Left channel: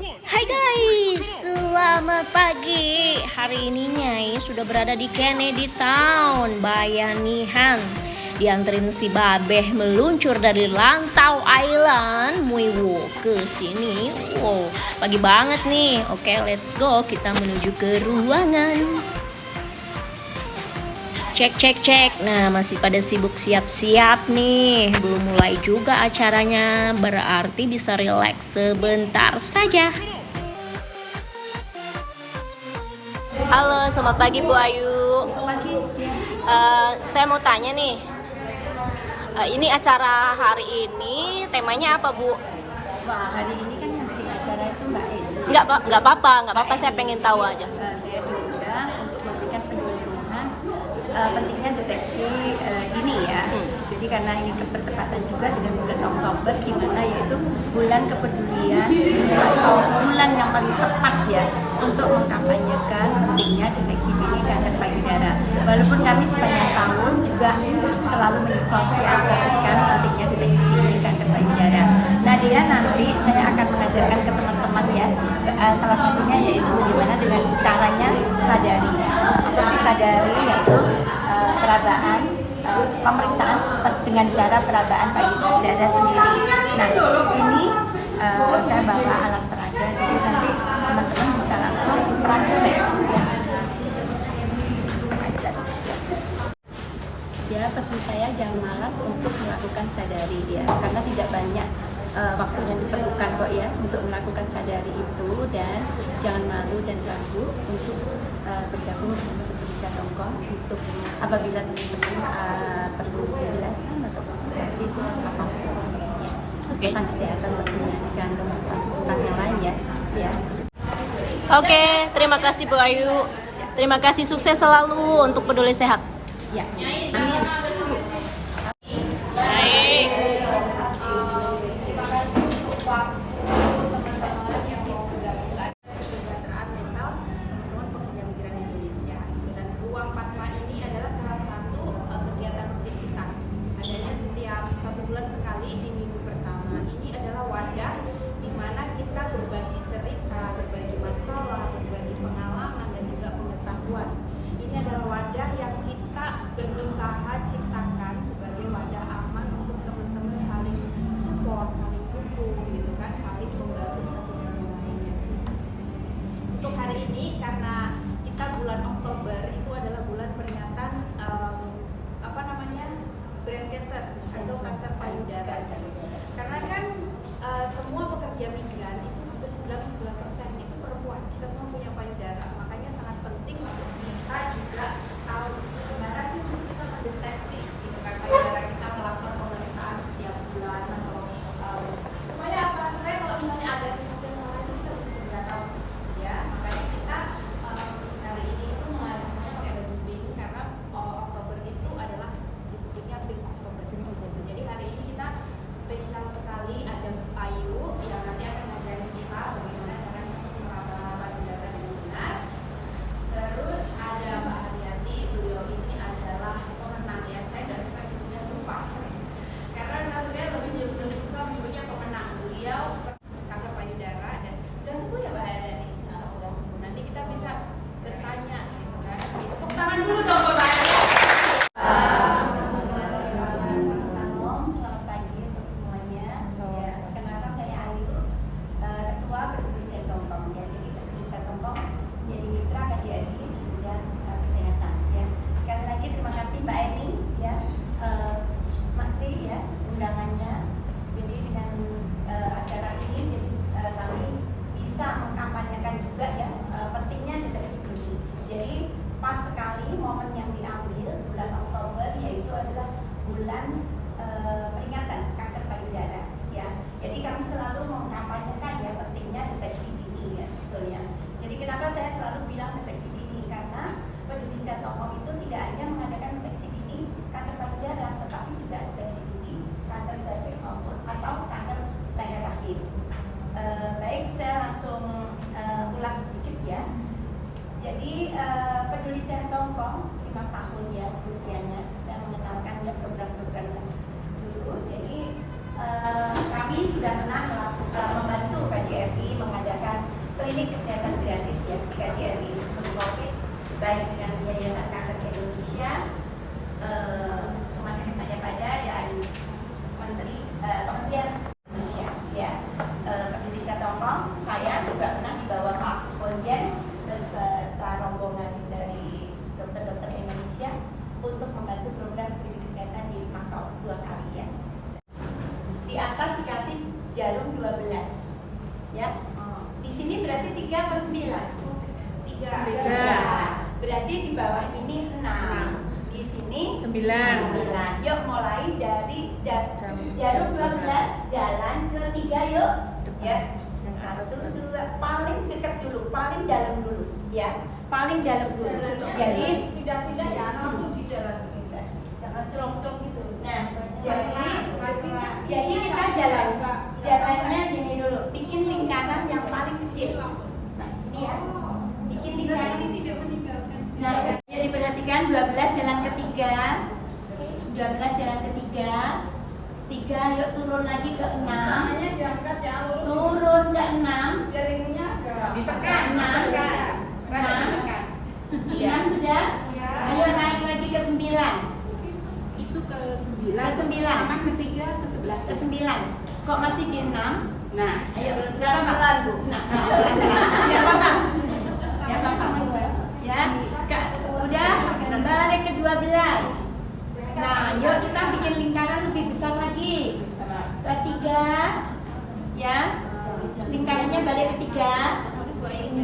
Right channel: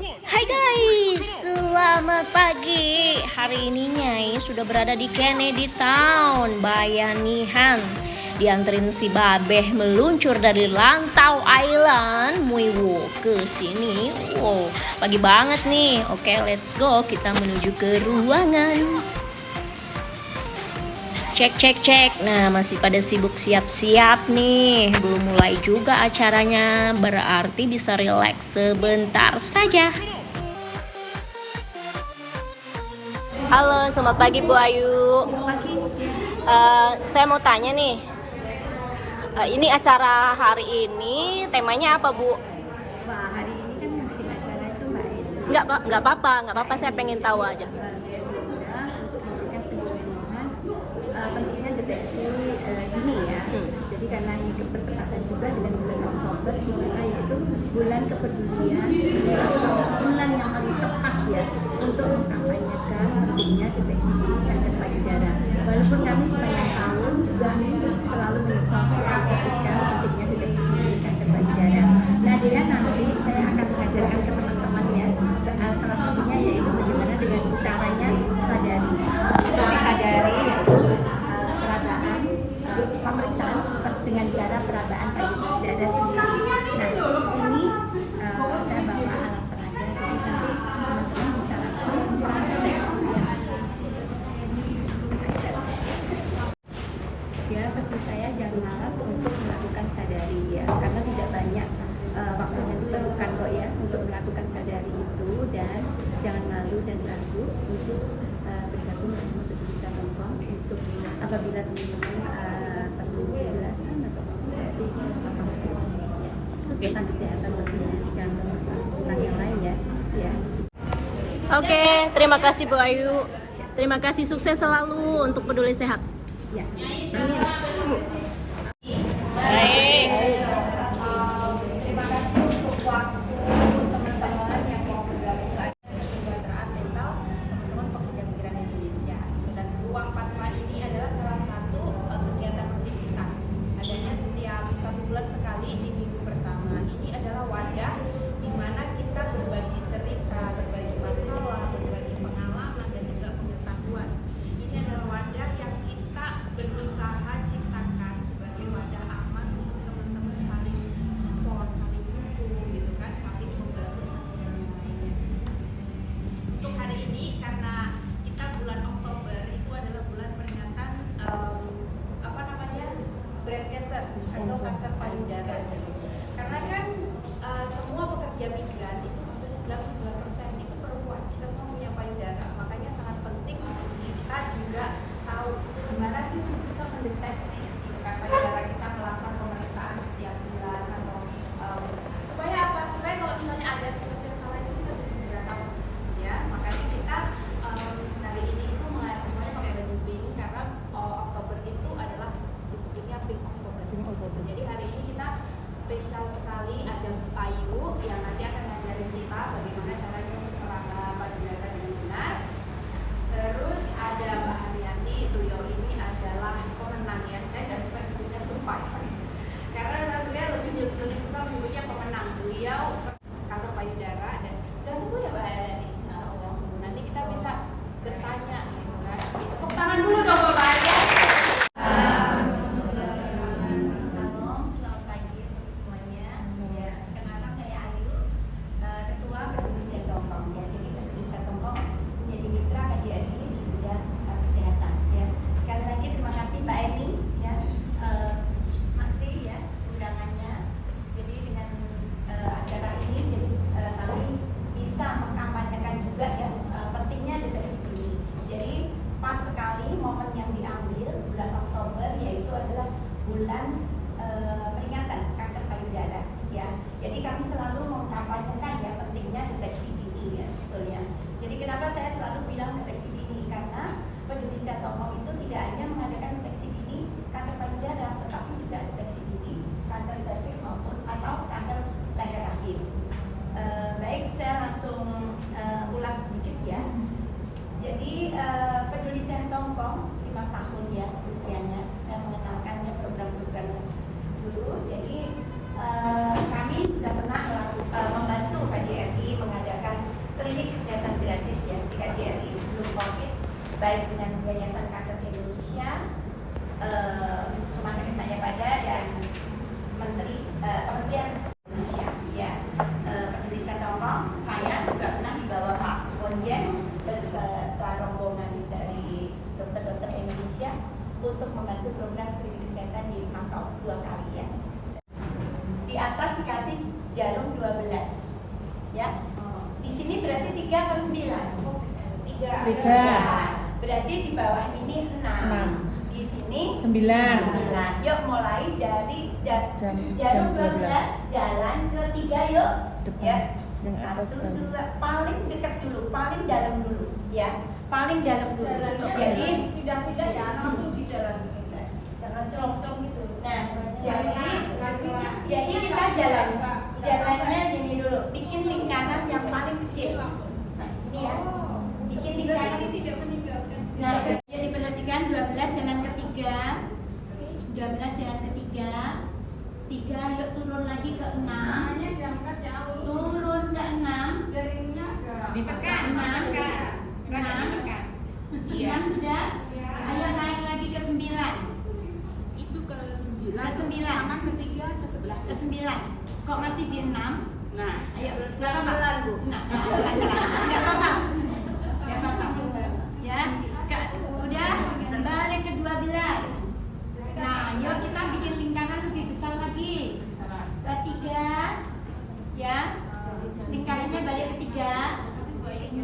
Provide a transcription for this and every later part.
Hai guys, selamat pagi. Hari ini Nyai sudah berada di Kennedy Town, Bayanihan. Dianterin si Babeh meluncur dari Lantau Island, Muiwo ke sini. Wow, pagi banget nih. Oke, let's go. Kita menuju ke ruangan. Cek. Nah, masih pada sibuk siap-siap nih. Belum mulai juga acaranya. Berarti bisa relax sebentar saja. Halo, selamat pagi Bu Ayu. Saya mau tanya nih. Ini acara hari ini temanya apa, Bu? Hari ini kan yang bikin acara itu Mbak Edi. Nggak apa-apa. Saya pengen tahu aja. Saya diundang untuk memberikan penyuluhan pentingnya deteksi dini ya. Jadi karena ini bertepatan juga dengan bulan Oktober, di mana yaitu bulan kepedulian atau bulan yang paling tepat ya untuk mengkampanyekan pentingnya deteksi dini kanker payudara. Walaupun kami sepanjang tahun juga selalu mensosialisasikan pentingnya deteksi dini kanker payudara. Nah, dia nanti saya akan mengajarkan ke teman-teman ya, salah satunya yaitu bagaimana dengan caranya sadari. Apa sih sadari? Yaitu perabaan, pemeriksaan dengan cara perabaan payudara sendiri. Nah, ini saya bawa alat peraga, jadi nanti teman-teman bisa langsung praktek ya. Pesan saya jangan malas untuk melakukan sadari ya, karena tidak banyak waktu yang diperlukan kok ya untuk melakukan sadari itu, dan jangan malu dan ragu untuk bergabung bersama Indonesia Hongkong untuk apabila teman-teman perlu penjelasan atau konsultasi apapun ya. Tentang kesehatan jangan lupa tentang yang lain ya. Oke, terima kasih Bu Ayu. Terima kasih, sukses selalu untuk Peduli Sehat. Ya. Baik. Sekali di minggu pertama ini adalah wadah di mana kita berbagi cerita, berbagi masalah, berbagi pengalaman dan juga pengetahuan. Ini adalah wadah yang kita berusaha ciptakan sebagai wadah aman untuk teman-teman saling support, saling dukung, gitu kan, saling membantu satu dengan lainnya. Untuk hari ini karena kita bulan Oktober itu adalah bulan peringatan breast cancer atau kanker payudara. Karena kan semua pekerja migran itu hampir 99% itu perempuan. Kita semua punya payudara, makanya sangat penting kita juga tahu gimana sih bisa mendeteksi gitu kan payudara kita, melakukan pemeriksaan setiap bulan atau supaya apa? Supaya kalau misalnya ada sesuatu yang salah itu kita bisa segera tahu ya. Makanya kita hari ini itu semuanya pakai baju pink karena Oktober itu adalah disebutnya Pink Oktober. Jadi hari ini kita spesial sekali, ada Ayu yang nanti akan ngajarin kita bagaimana caranya untuk merawat payudara dengan benar. Terus ada Mbak Haryati, beliau ini adalah pemenang ya. Saya nggak suka nyebutnya survivor karena sebenarnya lebih suka menyebutnya pemenang. Beliau kanker payudara dan sudah sembuh ya Mbak Haryati. Insyaallah sembuh. Nanti kita bisa bertanya gitu kan. Tepuk tangan dulu dong Mbak Haryati. Bulan peringatan kanker payudara ya. Jadi kami selalu mengkampanyekan ya pentingnya deteksi dini ya sebetulnya. Jadi kenapa saya selalu bilang deteksi dini, karena Peduli Sehat Hongkong itu tidak hanya mengadakan deteksi dini kanker payudara, tetapi juga deteksi dini kanker serviks maupun atau kanker leher rahim. Baik, saya langsung ulas sedikit ya. Jadi Peduli Sehat Hongkong 5 tahun ya usianya. Saya mengenalkan ya program-programnya dulu. Jadi kami sudah pernah membantu KJRI mengadakan ya. Di sini berarti 3 apa 9? 3. Berarti di bawah ini 6. Di sini 9. Yuk mulai dari jarum 12 jalan ke 3 yuk. Ya. 1, 2, paling dekat dulu, paling dalam dulu, ya. Paling dalam dulu. Jadi tidak ya, langsung di jalan. jangan celong-celong gitu. Nah, jadi kita jalannya gini dulu. Bikin lingkaran yang paling kecil. Nah, ini ya. Bikin lingkaran. Nah, ya diperhatikan 12 jalan ketiga. 12 jalan ketiga. 3, yuk turun lagi ke 6. Tangannya diangkat ya, lurus. Turun ke 6. Jaringnya agak ditekan. 6 sudah? Ayo naik lagi ke 9. Itu ke 9. Ke 9. Tangan ketiga ke sebelah. Ke 9. Kok masih di 6? Nah, ayo nggak apa-apa. Nah, nggak apa-apa. Nggak apa-apa. Ya, udah balik ke 12. Nah, yuk kita bikin lingkaran lebih besar lagi. Ke 3. Ya. Lingkarannya balik ke 3.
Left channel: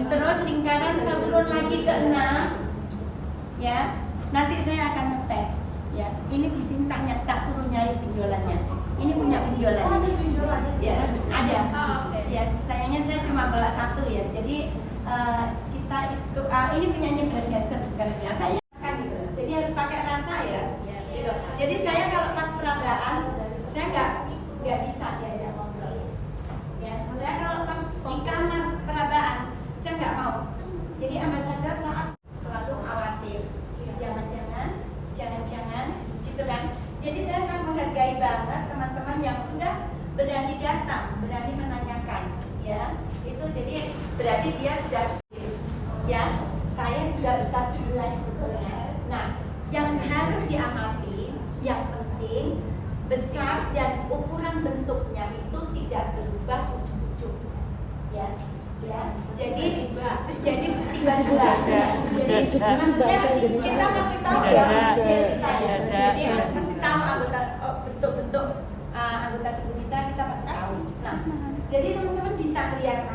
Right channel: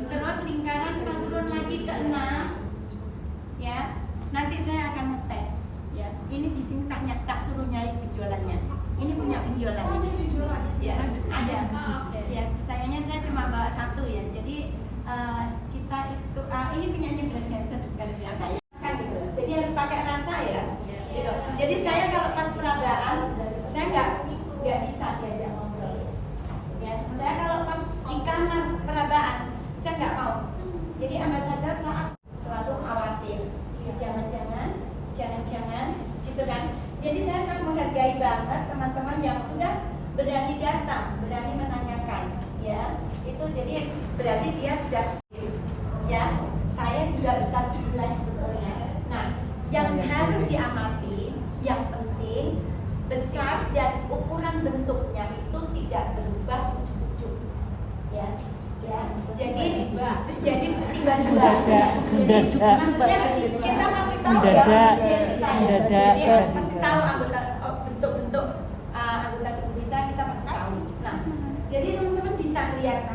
Terus lingkaran turun lagi ke 6. Ya. Nanti saya akan ngetes. Ya. Ini di sini tak suruh nyari benjolannya. Ini punya benjolan. Ya, ada. Ya, sayangnya saya cuma bawa 1 ya. Jadi kita itu ini punyanya breast cancer bukan punya saya. Kan gitu. Jadi harus pakai rasa ya. Gitu. Jadi saya kalau pas perabaan saya nggak bisa diajak ngobrol. Ya, saya kalau pas ikan perabaan saya nggak mau. Jadi ambasador saat selalu khawatir. Jangan, gitu kan. Jadi saya sangat menghargai banget teman-teman yang sudah berani datang, berani menanyakan, ya. Itu jadi berarti dia sudah, ya. Saya juga besar sebelah sebetulnya. Nah, yang harus diamati, yang penting besar dan ukuran bentuknya itu tidak berubah ujuk-ujuk, ya. Jadi tiba-tiba jadi maksudnya kita pasti tahu ya jadi pasti tahu bentuk-bentuk anggota tubuh kita pasti tahu. Nah, jadi teman-teman bisa lihat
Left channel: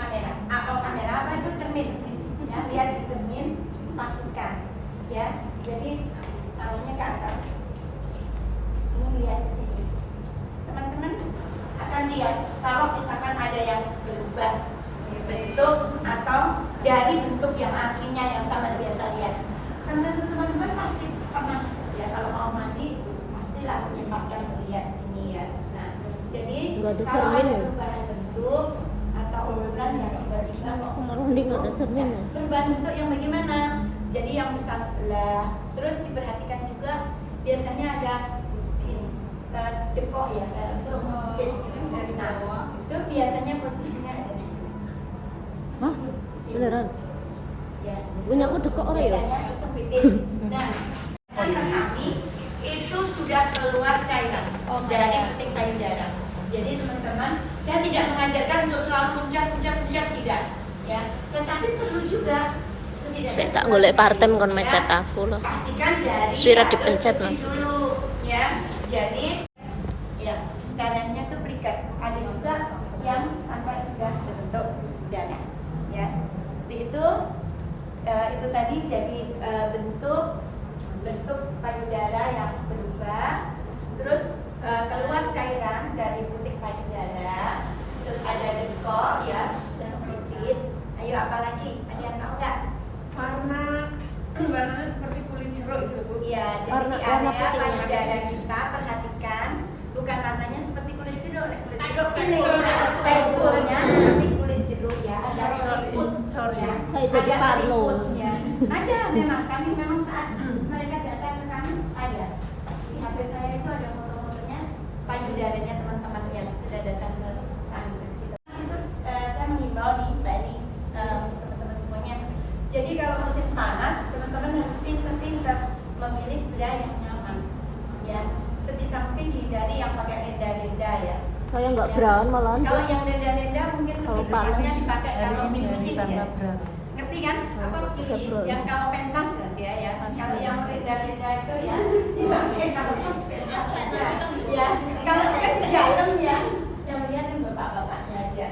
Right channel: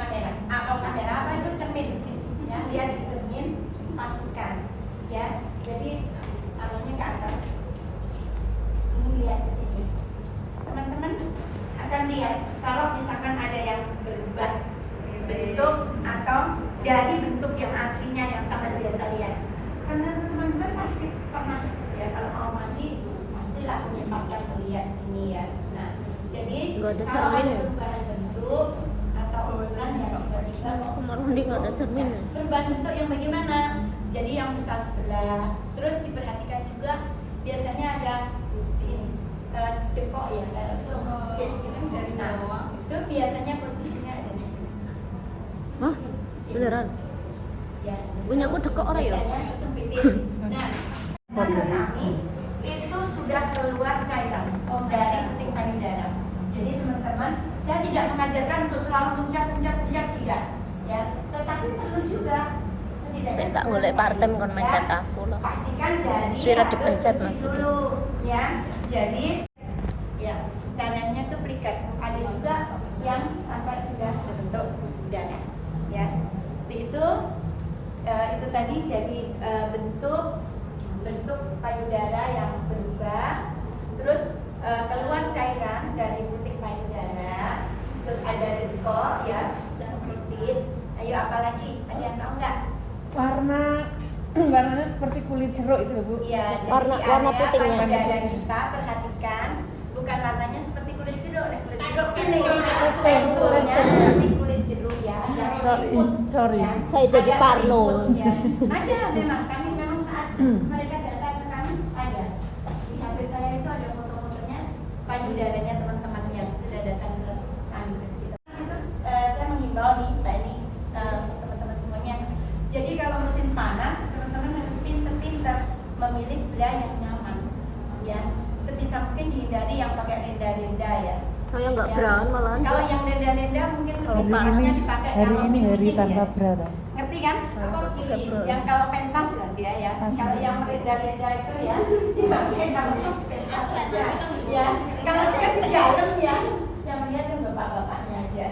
kamera apa itu cermin ya, lihat di cermin, pastikan ya. Jadi tangannya ke atas, ini lihat di sini, teman-teman akan lihat kalau misalkan ada yang berubah bentuk atau dari bentuk yang aslinya yang sama biasa lihat. Karena teman-teman pasti pernah ya kalau mau mandi pastilah menyempatkan melihat ini ya. Nah, jadi kalau ada perubahan bentuk atau ukuran yang tiba-tiba perubahan bentuk yang bagaimana? Jadi yang besar sebelah. Terus diperhatikan juga biasanya ada dekok ya, sempit dari bawah. Itu biasanya posisinya ada di sini. Hah? Beneran? Ya. Punya aku dekok orang ya? Biasanya disempitin. Nah, kami itu sudah keluar cairan dari puting payudara. Jadi teman-teman, saya tidak mengajarkan untuk selalu puncak tidak, ya. Tetapi perlu juga setidaknya. Saya tak golek partem kon mencet aku loh. Pastikan jari. Suara dipencet Mas. Dulu, ya. Jadi ya, caranya tuh plikat. Ada juga yang sampai sudah terbentuk udara, ya. Seperti itu tadi jadi bentuk payudara yang berubah, terus keluar cairan dari puting payudara, terus ada dekok ya, terus pipit. Ayo apalagi? Ada yang tahu nggak? Warnanya seperti kulit jeruk itu, Bu. Iya, jadi Warna di area putihnya. payudara kita perhatikan bukan warnanya seperti kulit jeruk, kulit jeruk kuning, teksturnya seperti kulit jeruk ya, ada keriput. Ya. Saya jadi Ada parno. keriput, ya. Ada memang kami memang saat mereka datang ke kami ada di HP saya itu ada foto-fotonya payudaranya teman-teman yang sudah datang ke kami. Itu saya mengimbau nih Mbak ini teman-teman semuanya. Jadi kalau musim panas teman-teman harus pintar-pintar memilih bra yang nyaman, ya. Sebisa mungkin dihindari yang pakai renda-renda ya. Saya nggak Ya. brown malahan. Kalau yang renda-renda mungkin lebih tepatnya dipakai kalau mingguin ya. Ngerti kan? Yang kalau pentas kan dia ya. Kalau yang renda-renda itu ya dipakai kalau pas pentas saja. Ya. Kalau yang di dalam ya, yang melihat yang bapak-bapaknya aja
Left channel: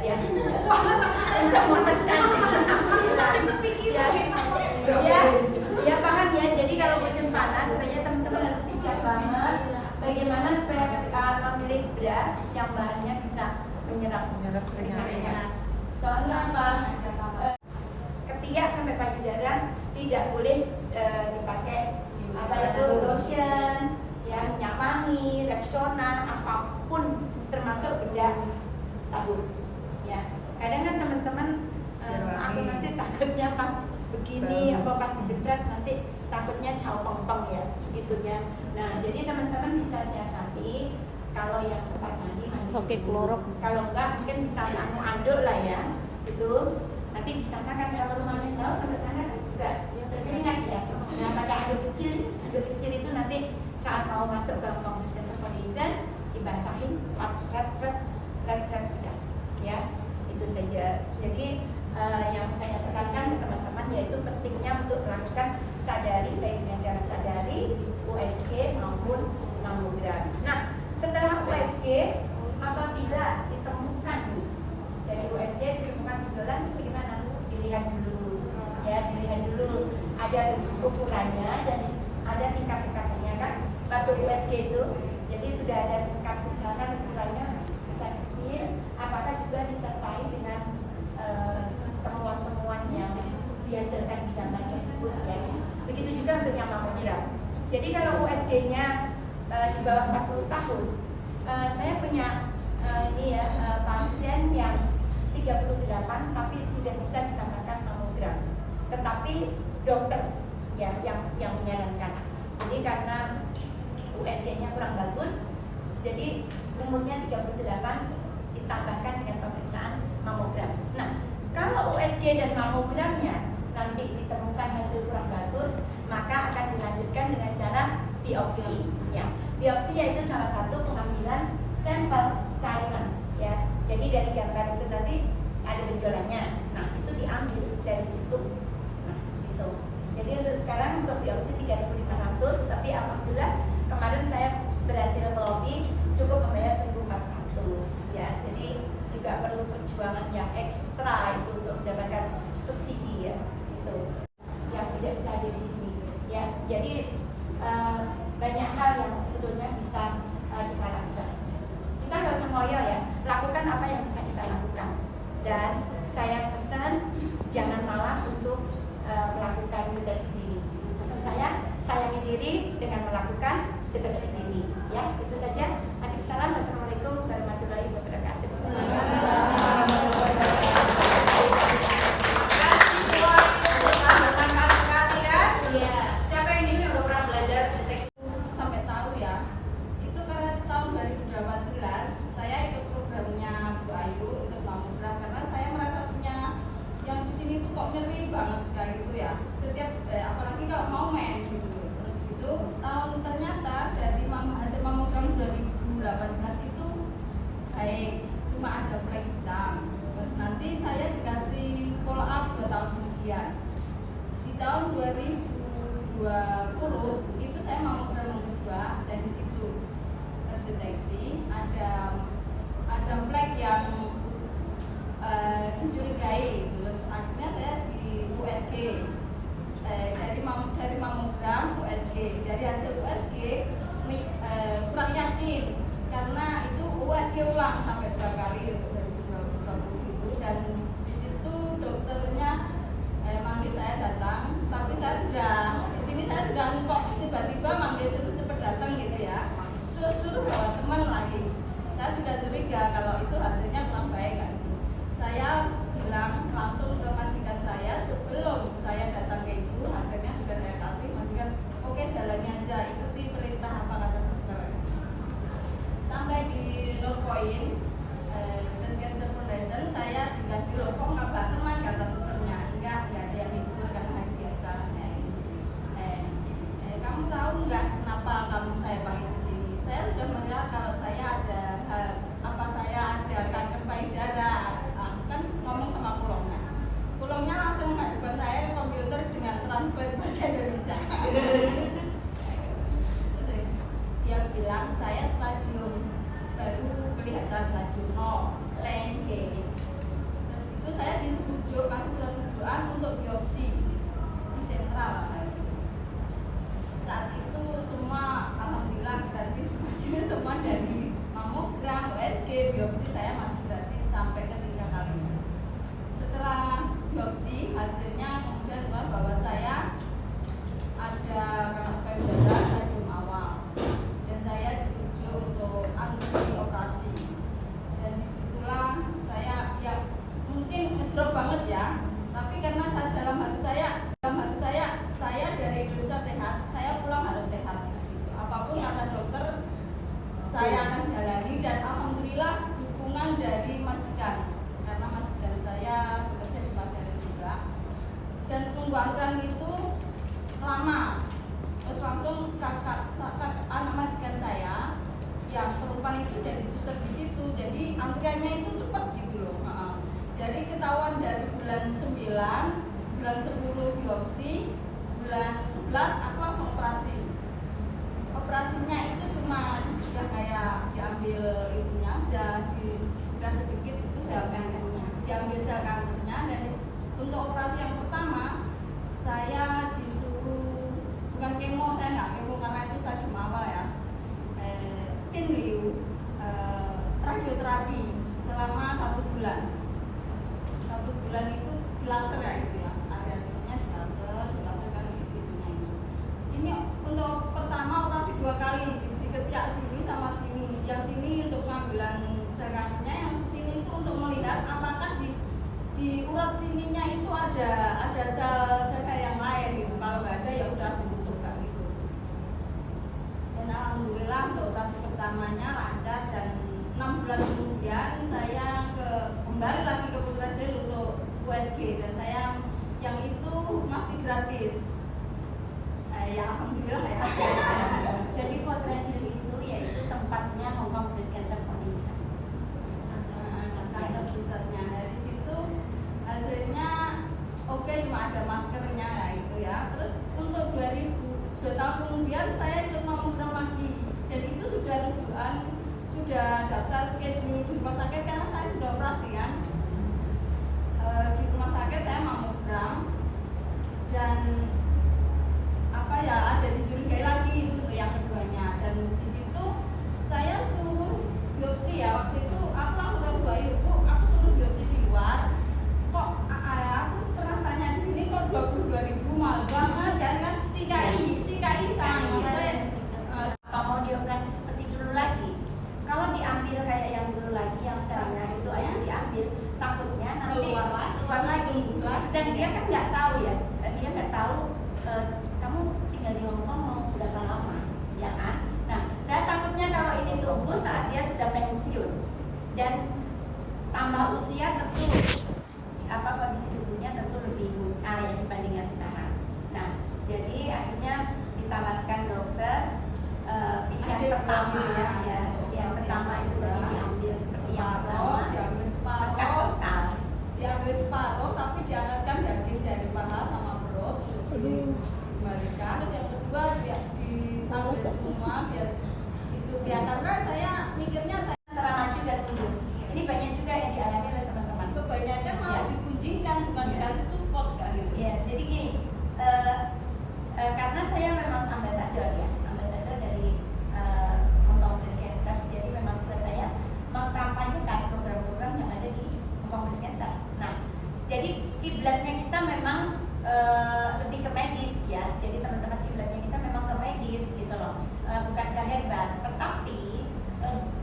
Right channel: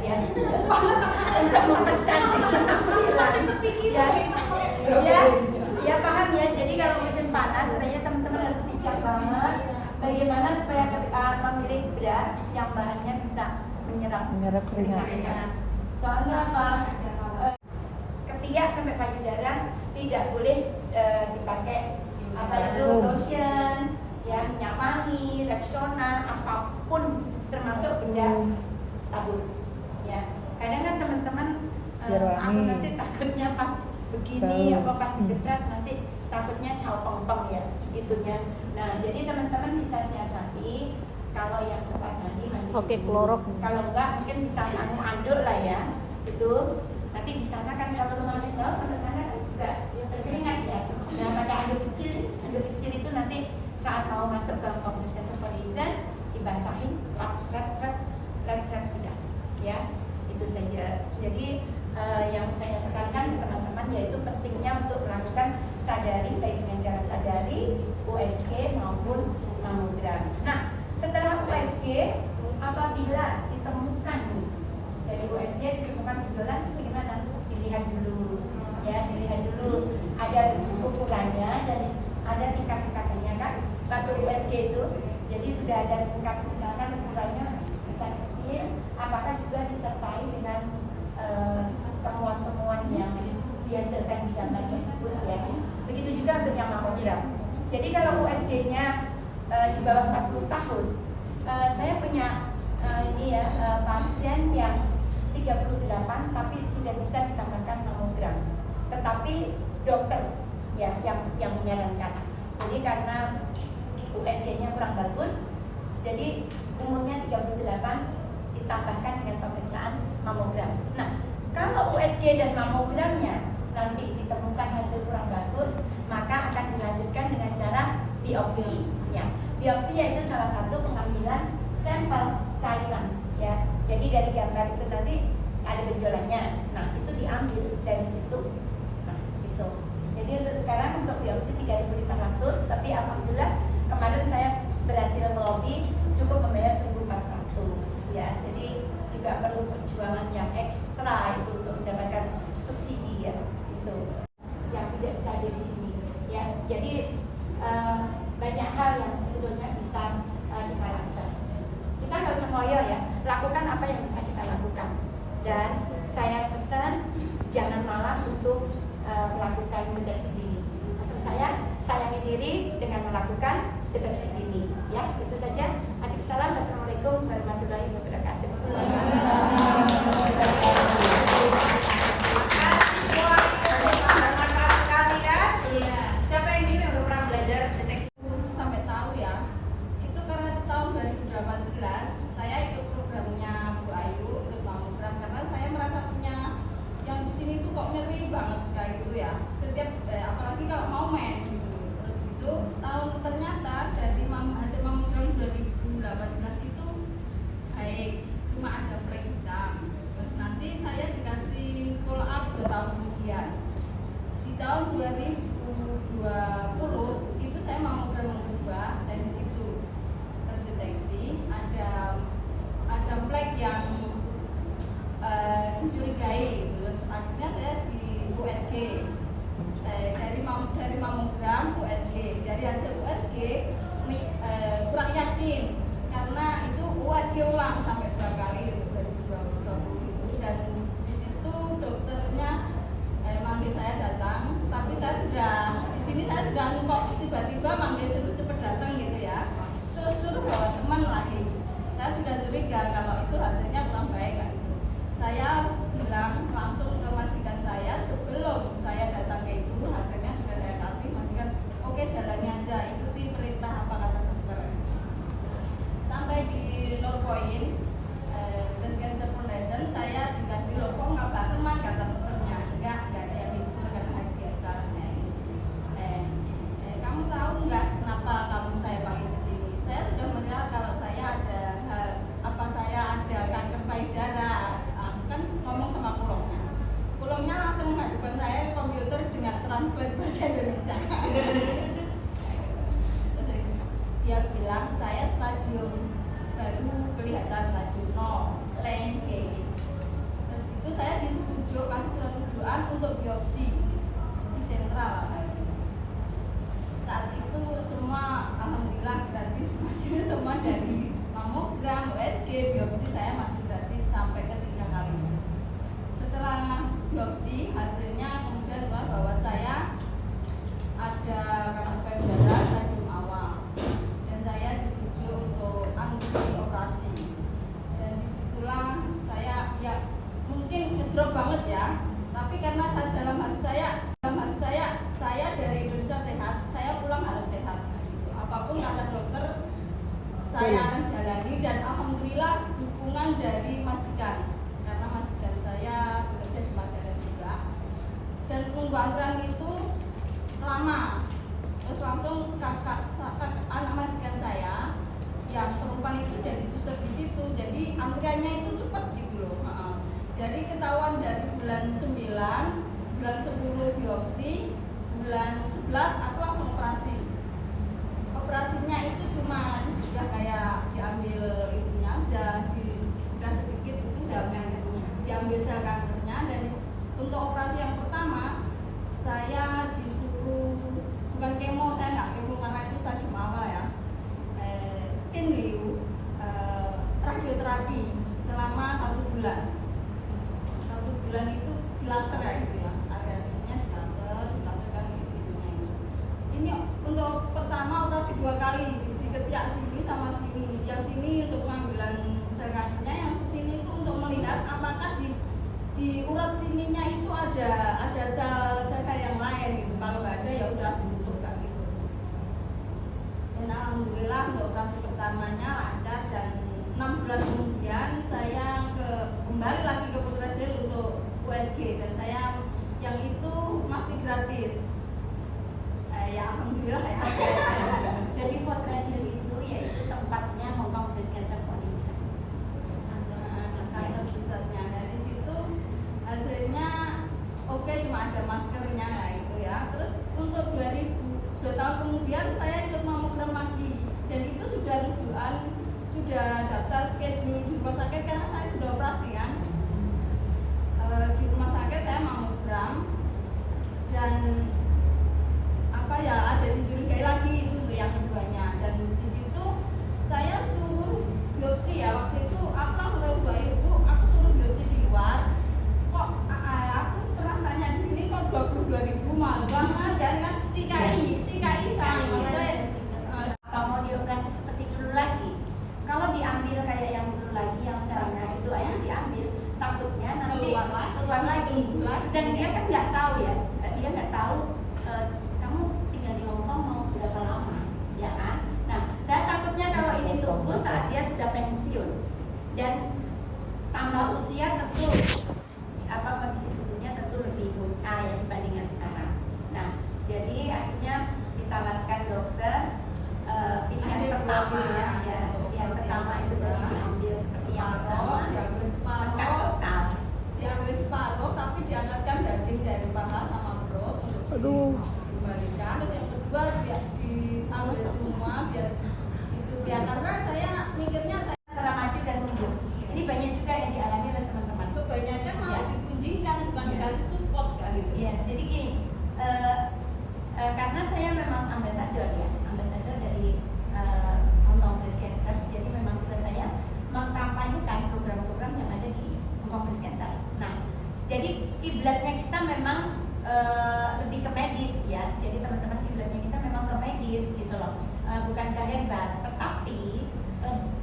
udah mau cantik. Masih berpikiran. Ya paham ya. Jadi kalau musim panas sebenarnya teman-teman harus bijak banget bagaimana supaya ketika memilih bra yang bahannya bisa menyerap keringat. Soalnya apa? Ketiak sampai payudara tidak boleh dipakai apa itu lotion, ya minyak wangi, Rexona, apapun termasuk benda tabur. Ya, kadang kan teman-teman aku nanti takutnya pas begini apa pas dijepret nanti takutnya caw peng ya itunya. Nah, jadi teman-teman bisa siasati kalau yang sempat mandi Oke, klorok. kalau enggak mungkin bisa sanu anduk lah ya. Itu nanti di sana kan kalau rumahnya jauh sampai sana kan juga berkeringat ya. Nah, pakai anduk kecil itu nanti saat mau masuk ke kompresen dibasahin, seret sudah. Ya, itu saja. Jadi yang saya tekankan ke teman-teman yaitu pentingnya untuk melakukan sadari baik dengan cara sadari, USG maupun mamogram. Nah, setelah USG apabila ditemukan dari USG ditemukan gejolak bagaimana? Dilihat dulu, ya dilihat dulu ada ukurannya dan ada tingkat-tingkatannya kan. Waktu USG itu, jadi sudah ada tingkat misalkan ukurannya besar kecil, apakah juga disertai dengan temuan-temuan yang dihasilkan di gambar tersebut ya. Begitu juga untuk yang mamogram. Jadi kalau USG-nya di bawah 40 tahun, saya punya pasien yang 38 tapi sudah bisa ditambahkan mamogram. Tetapi dokter ya yang menyarankan. Jadi karena USG-nya kurang bagus, jadi umurnya 38 ditambahkan dengan pemeriksaan mamogram. Nah, kalau USG dan mamogramnya nanti ditemukan hasil kurang bagus, maka akan dilanjutkan dengan cara biopsi. Ya, biopsi yaitu salah satu pengambilan sampel cairan. Ya, jadi dari gambar itu nanti ada benjolannya. Nah, itu diambil dari situ. Nah, itu. Jadi untuk sekarang untuk biopsi 3.500, tapi alhamdulillah kemarin saya berhasil melobi cukup membayar 1.400 ya. Jadi juga perlu perjuangan yang ekstra itu untuk mendapatkan subsidi ya. Itu yang tidak bisa ada di sini ya. Jadi banyak hal yang sebetulnya bisa kita lakukan. Kita nggak usah ngoyo ya, lakukan apa yang bisa kita lakukan. Dan saya pesan jangan malas untuk melakukan deteksi dini. Pesan saya, sayangi diri dengan melakukan deteksi dini. Ya, itu saja. Adik salam. Wassalamualaikum warahmatullahi wabarakatuh. Siapa yang ini udah pernah belajar deteksi sampai tahu ya? Itu karena tahun 2018 saya ikut programnya Bu Ayu ikut mamogram karena saya merasa punya yang di sini tuh kok nyeri banget kayak gitu ya. Setiap apalagi kalau mau main gitu. Terus gitu ternyata dari hasil mamogram 2018 itu baik, cuma ada flek hitam. Terus nanti saya dikasih follow up 2 tahun kemudian. Di tahun 2020 itu saya mamogram yang kedua dan di situ terdeteksi ada flek yang dicurigai. Terus akhirnya saya di USG dari mamogram USG. Dari hasil USG kurang yakin karena itu USG ulang sampai 2 kali untuk 2020 itu, dan di situ dokternya manggil saya datang, tapi saya sudah di sini saya sudah kok tiba-tiba manggil suruh cepet datang gitu ya, suruh bawa teman lagi. Saya sudah curiga kalau itu hasilnya kurang baik kan. Saya bilang langsung ke majikan saya sebelum saya datang ke itu, hasilnya sudah saya kasih. Majikan oke, jalani aja, ikuti perintah apa kata dokter. Sampai di Norpoint drop banget ya. Tapi karena dalam hati saya dari Indonesia sehat, saya pulang harus sehat. Gitu. Apapun kata dokter, saya akan jalani dan alhamdulillah dukungan dari majikan. Karena majikan saya bekerja di Padalarang juga. Dan nunggu antrian itu lama. Terus langsung kakak anak majikan saya yang perempuan itu jadi suster di situ, jadi antriannya itu cepat gitu loh. Jadi ketahuan dari bulan 9, bulan 10 biopsi, bulan 11 aku langsung operasi. Operasinya itu cuma ya kayak diambil itunya aja, dibuka sedikit itu diambil sel kankernya. Dan untuk operasi yang pertama saya disuruh bukan kemo, saya nggak kemo karena itu stadium apa ya, Kinliu, radioterapi selama 1 bulan. 1 bulan itu di laser ya gitu ya, area-areanya dilaserkan di situnya ini. Ini untuk pertama operasi 2 kali, di ketiak sini sama sini. Yang sini untuk pengambilan sel kankernya, yang sini itu untuk melihat apakah di urat sininya itu ada sel yang lain gitu. Kalau nggak ada ya udah ditutup kan gitu. Dan alhamdulillah untuk operasi pertamanya lancar, dan 6 bulan kemudian saya kembali lagi ke Putra Sil untuk USG, dan saya yang itu masih gratis. Ya alhamdulillah ya. Jadi Fortresil itu yaitu tempatnya Hong Kong Breast Cancer Foundation. Kanker pusatnya. Dari situ hasilnya oke, cuma ada maskernya ya itu ya. Terus untuk 2 tahun kemudian saya ikut mamogram lagi, dan itu sudah rujukan, sudah daftar schedule di rumah sakit karena saya sudah operasi kan. Di rumah sakit saya mamogram, dan apa ya, ada dicurigai lagi itu untuk yang keduanya. Dan di situ saya suruh biopsi ya, waktu itu aku langsung tahu Mbak Ibu, aku suruh biopsi di luar. Kok aku pernah tanya di sini kok 22.000 mahal banget kan si KI sang Apa mau dioperasi seperti dulu lagi? Kalau diambil kayak yang dulu lagi, yang selnya itu aja diambil, takutnya nanti keluar lagi. Sedang dia kan nggak tahu ya, dia nggak tahu kamu tinggal di Hong Kong mau berapa lama, ya kan? Nah, saya takutnya kalau ini tumbuh saat dia sudah pensiun dan tambah usia, tentu kondisi tubuhnya tentu lebih muncai dibandingkan sekarang. Nah, jadi akhirnya ditawarkan dokter pilihan pertama ya, yang pertama itu tadi diambil seperti yang pertama, diambil tekan total. Diambil separuh tapi diangkatkan daging dari paha sama perut untuk dikembalikan. Terus yang kedua diambil semua biar itu ya, karena saya mikirnya saya Antara maju dan mundur. Ini banyak juga yang dialami oleh teman-teman. kebanyakan malah dikunjingkan, bukan dikasih support kan gitu. Ya, jadi gini, karena saya memang ambasador ya, ambasador dari Hong Kong Breast Cancer. Jadi memang tugas saya mengkampanyekan program-program yang ada di Hong Kong Breast Cancer. Nah, jadi kiblatnya kita memang lebih ke medis ya. Jadi teman-teman kiblatnya kita memang ke medis gitu loh, bukan ke herbal. Tetapi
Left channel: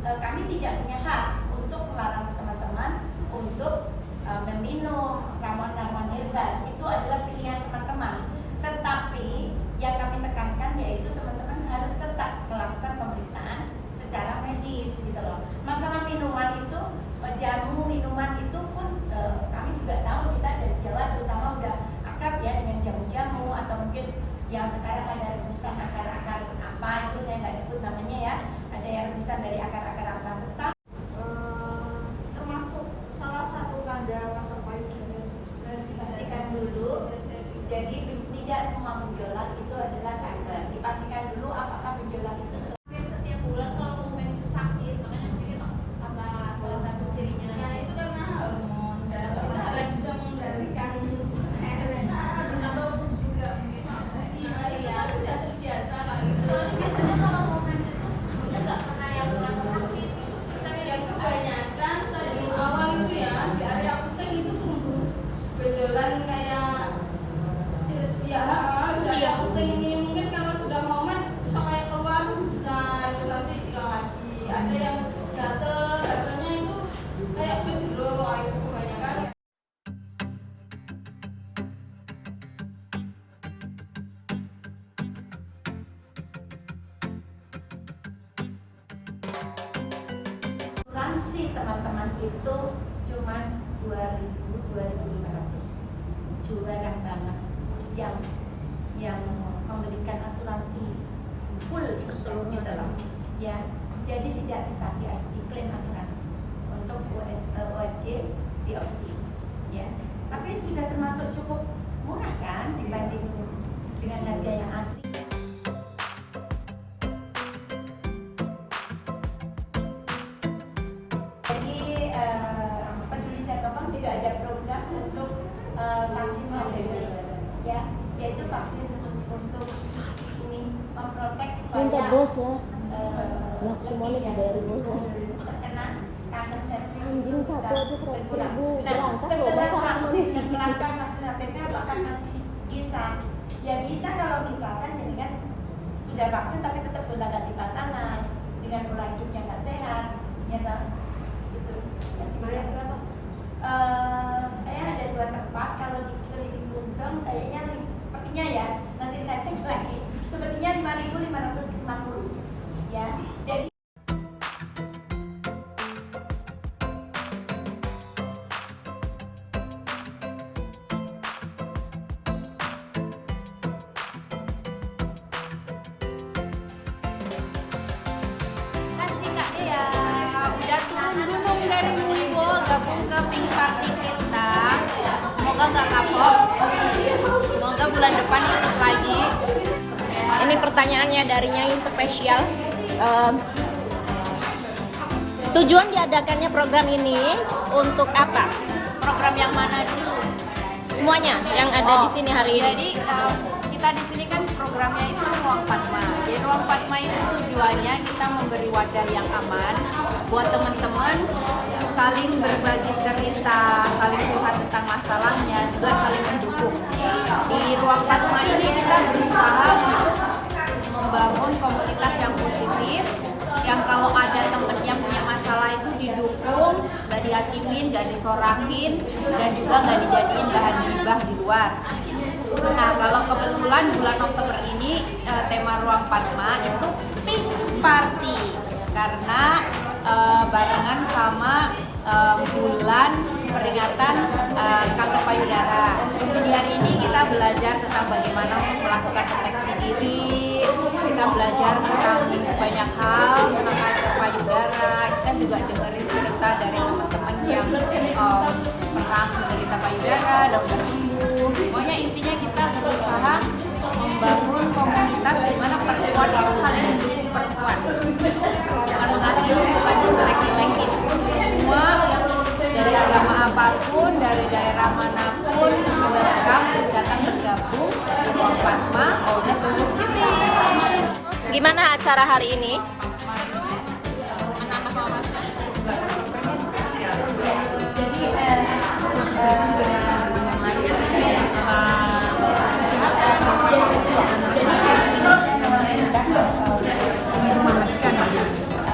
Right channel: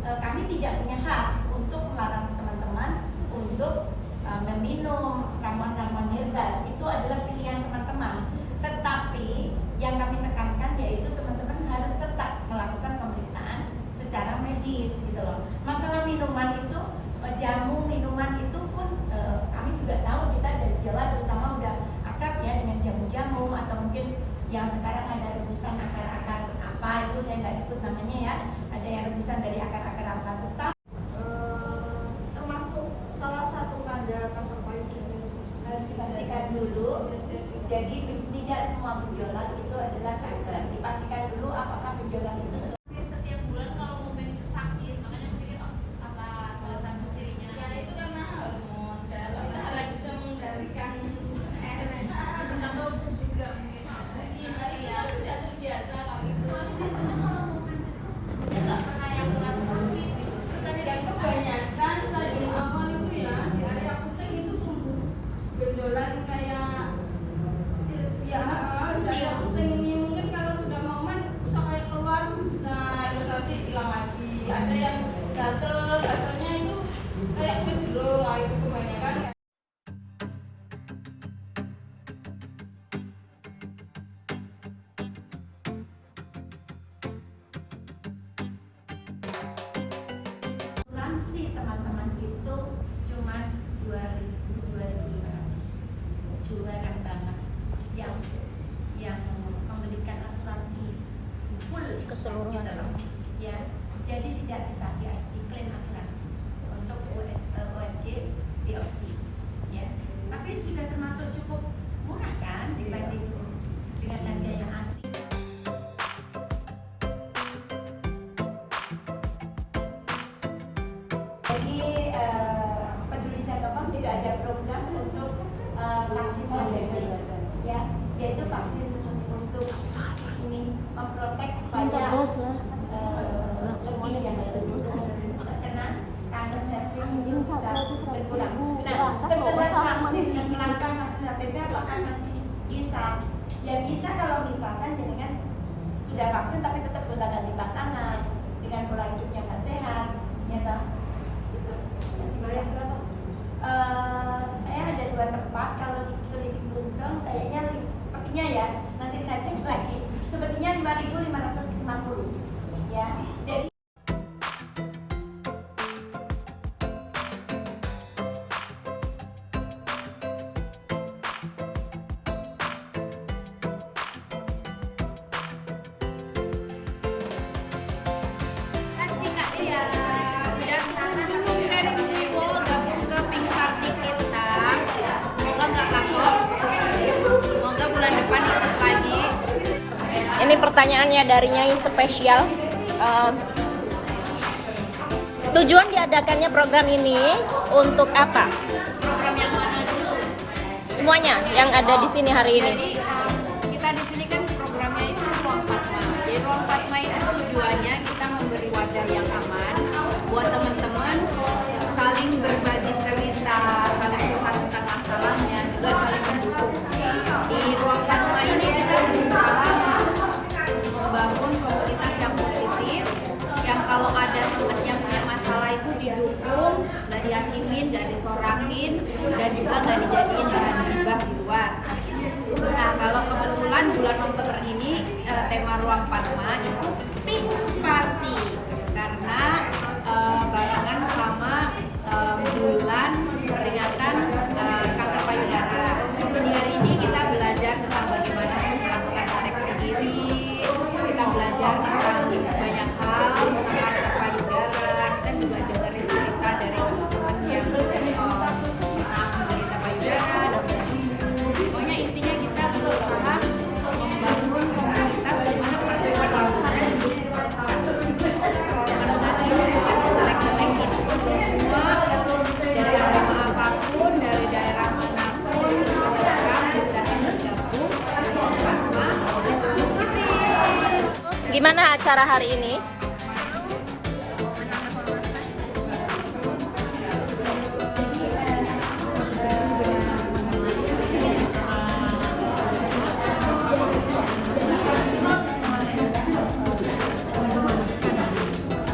kami tidak punya hak untuk melarang teman-teman untuk meminum ramuan-ramuan herbal. Itu adalah pilihan teman-teman. Tetapi yang kami tekankan yaitu teman-teman harus tetap melakukan pemeriksaan secara medis gitu loh. Masalah minuman itu, jamu minuman itu pun kami juga tahu, kita dari Jawa terutama udah akrab ya dengan jamu-jamu, atau mungkin yang sekarang ada rebusan akar-akar apa itu saya nggak sebut namanya ya, ada yang rebusan dari akar-akar apa, tetap Termasuk salah satu tanda kanker payudara. dipastikan dulu. Jadi tidak semua benjolan itu adalah kanker. Dipastikan dulu apakah benjolan itu Setiap bulan kalau mau medicine sakit, makanya mungkin apa salah satu cirinya. Ya itu karena hormon, dan kita harus bisa mengendalikan Atau juga bisa. iya sudah terbiasa kayak gitu. Soalnya biasanya kalau mau medicine itu nggak pernah yang teman-teman itu cuma 2.500, jarang banget yang memberikan asuransi full Keseluruhan. gitu loh. Ya, jadi tidak bisa diklaim asuransi untuk OSG di opsi. Ya, tapi sudah termasuk cukup murah kan dibanding dengan harga yang asli. Jadi peduli Sehat.com tidak ada program untuk vaksin HPV, ya, yaitu vaksin untuk ini memprotek supaya lebih yang terkena kanker cervix bisa berkurang. Nah, setelah melakukan vaksin HPV apakah masih bisa? Ya bisa kalau misalkan jenengan sudah vaksin tapi tetap gonta-ganti pasangan dengan pola hidup yang nggak sehat, ya toh? Gitu. Masih bisa berapa? Saya ada 2 tempat. Kalau di klinik Bunton kayaknya sepertinya ya, nanti saya cek lagi. Sepertinya 5.550 ya. Jadi Kasih Kak Dia udah turun gunung dari Muiwo gabung ke Pink Party kita. Semoga nggak kapok. Semoga bulan depan ikut lagi. Ini pertanyaannya dari Nyai Spesial. Tujuan diadakannya program ini untuk apa? Program yang mana dulu? Semuanya yang ada di sini hari ini. Jadi kita di sini kan programnya itu Ruang Padma. Jadi Ruang Padma itu tujuannya kita memberi wadah yang aman buat teman-teman saling berbagi cerita, saling curhat tentang masalahnya, juga saling mendukung. Di Ruang Padma ini kita berusaha untuk membangun komunitas yang positif, yang kalau ada temen yang punya masalah itu didukung, gak dihakimin, gak disorakin, dan juga gak dijadiin bahan gibah di luar. Nah, kalau kebetulan bulan Oktober ini tema Ruang Padma itu Pink Party, karena barengan sama bulan peringatan kanker payudara. Jadi hari ini kita belajar tentang bagaimana untuk melakukan deteksi diri, kita belajar tentang banyak hal tentang kanker payudara. Kita juga dengerin cerita dari teman-teman yang pernah menderita payudara dan udah sembuh. Pokoknya intinya kita berusaha membangun komunitas di mana perempuan itu saling mendukung perempuan, bukan menghakimi, bukan dijelek-jelekin. Semua dari agama apapun, dari daerah manapun, welcome datang bergabung di Ruang Padma oleh Siti. Gimana acara hari ini?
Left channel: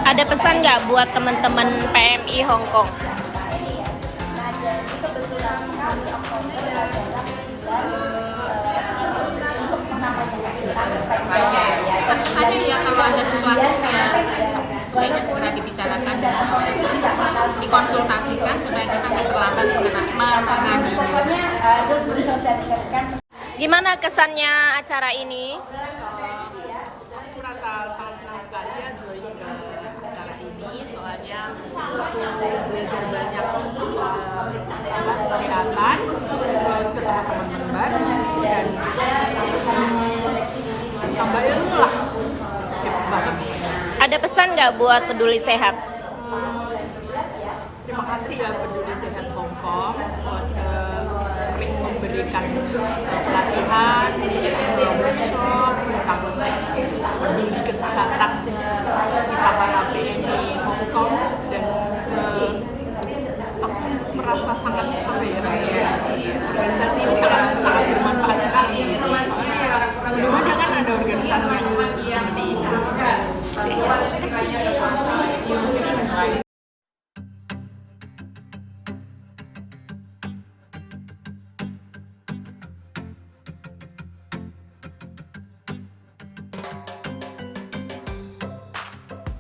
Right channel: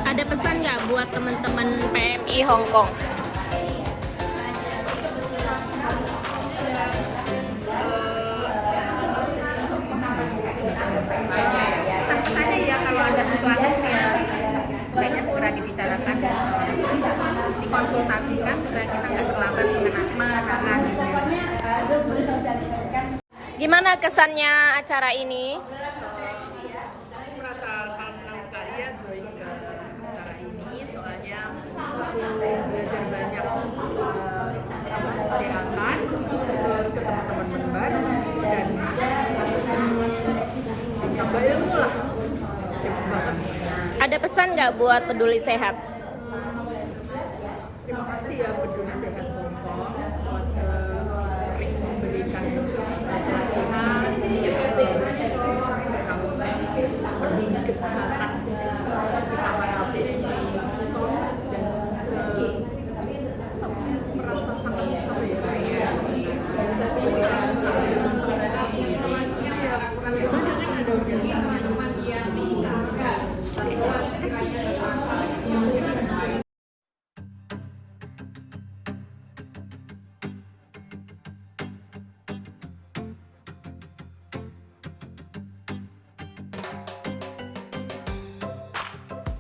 Ada pesan nggak buat teman-teman PMI Hong Kong? Pesan-pesannya ya kalau ada sesuatu ya sebaiknya segera dibicarakan dan dikonsultasikan supaya kita terlambat menanganinya. Gimana kesannya acara ini? Aku merasa sangat senang sekali ya join ke acara ini, soalnya aku belajar banyak masalah kesehatan, terus ketemu teman-teman baru dan tambah ilmu lah. Hebat banget. Ada pesan nggak buat peduli sehat? Terima kasih ya Peduli Sehat Hong Kong sering memberikan pelatihan, workshop tentang peduli kesehatan kita para PMI Hong Kong, dan aku merasa sangat organisasi ini sangat bermanfaat sekali. Soalnya ya belum ada kan ada organisasi yang seperti ini.